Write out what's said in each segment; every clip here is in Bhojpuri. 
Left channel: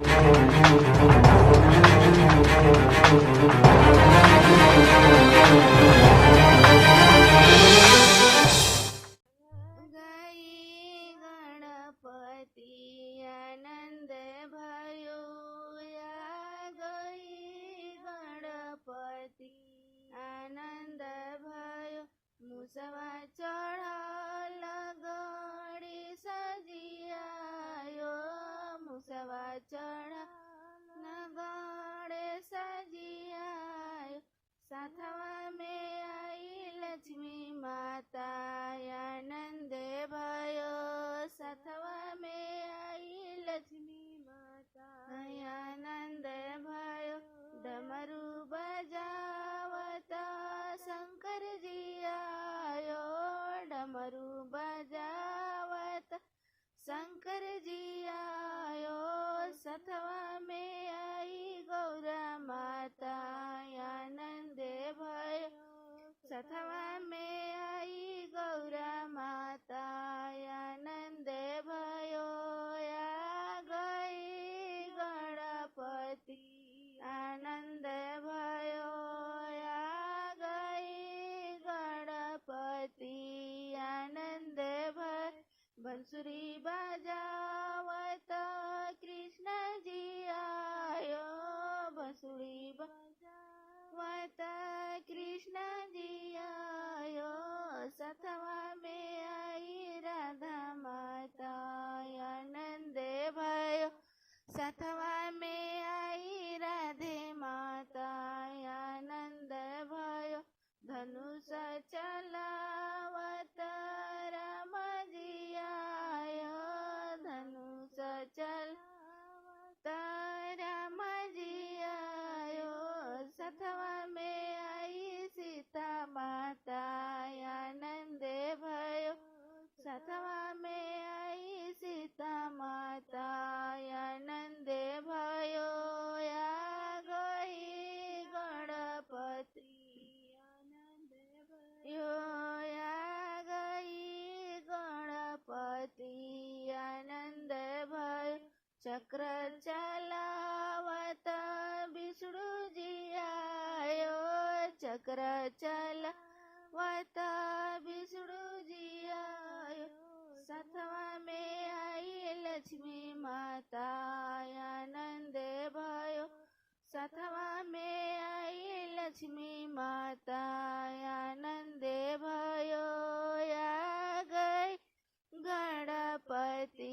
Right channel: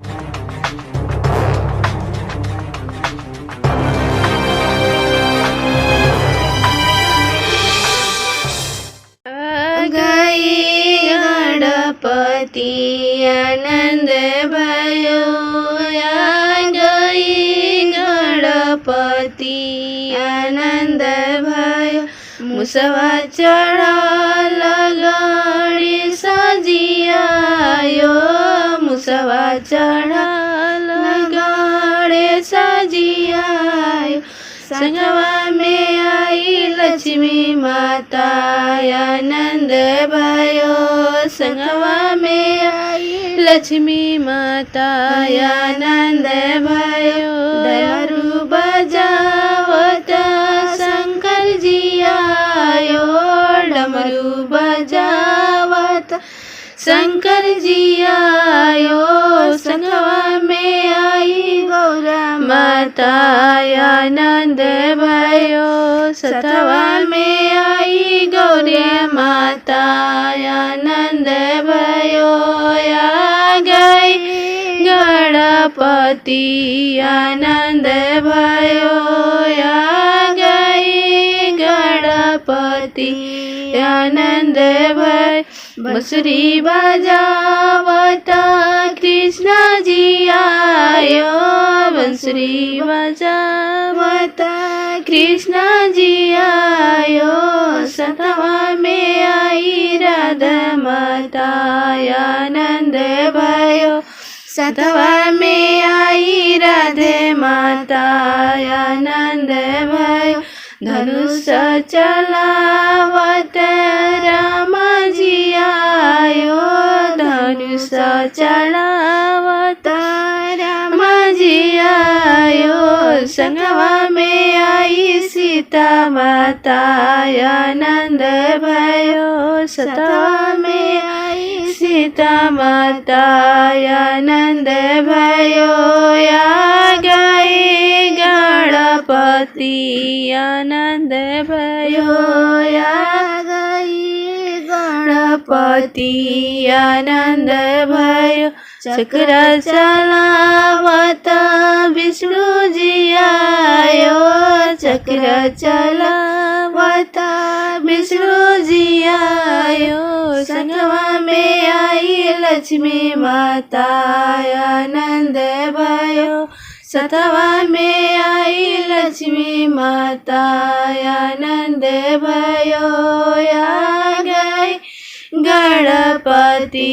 गई गणपति आनंद भयो, गई गणपति आनंद भयो। मुसवा चढ़ल गड़ी सजियायो, मुसवा चढ़ल गड़े सजियायो। संगवा में आई लक्ष्मी माता आनंद भयो, संगवा में आई लक्ष्मी माता आनंद भयो। डमरू बजावत शंकर जी आयो, डमरू बजावत शंकर जी आयो। संगवा में आई गौरा माता आनंद भयो, सतवा में आई गौरी माता आनंद भयो। आ गई गणपति आनंद भयो, आ गई गणपति आनंद भयो। बंसुरी बजावत कृष्ण जी आयो, बंसुरी बजावत कृष्ण जी आयो। सतवा में आई राधा माता आनंद भयो, सतवा में आई राधे माता आनंद भयो। धनुष चलावत राम जी आयो, धनुष चलावत राम जी आयो। संगवा में आई सीता माता आनंद भयो, सतवा में आई सीता माता आनंद भयो। आ गई गणपति आनंद भयो, आ गई गणपति आनंद भयो। चक्र चलावत विष्णु जी आयो, चक्र चलावत विष्णु जी आयो। संगवा में आई लक्ष्मी माता आनंद भयो, सतवा में आई लक्ष्मी माता आनंद भयो। आ गई गणपति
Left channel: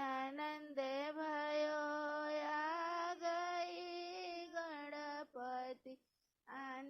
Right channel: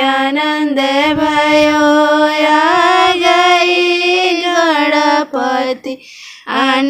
आनंद भयो, आ गई गणपति आनंद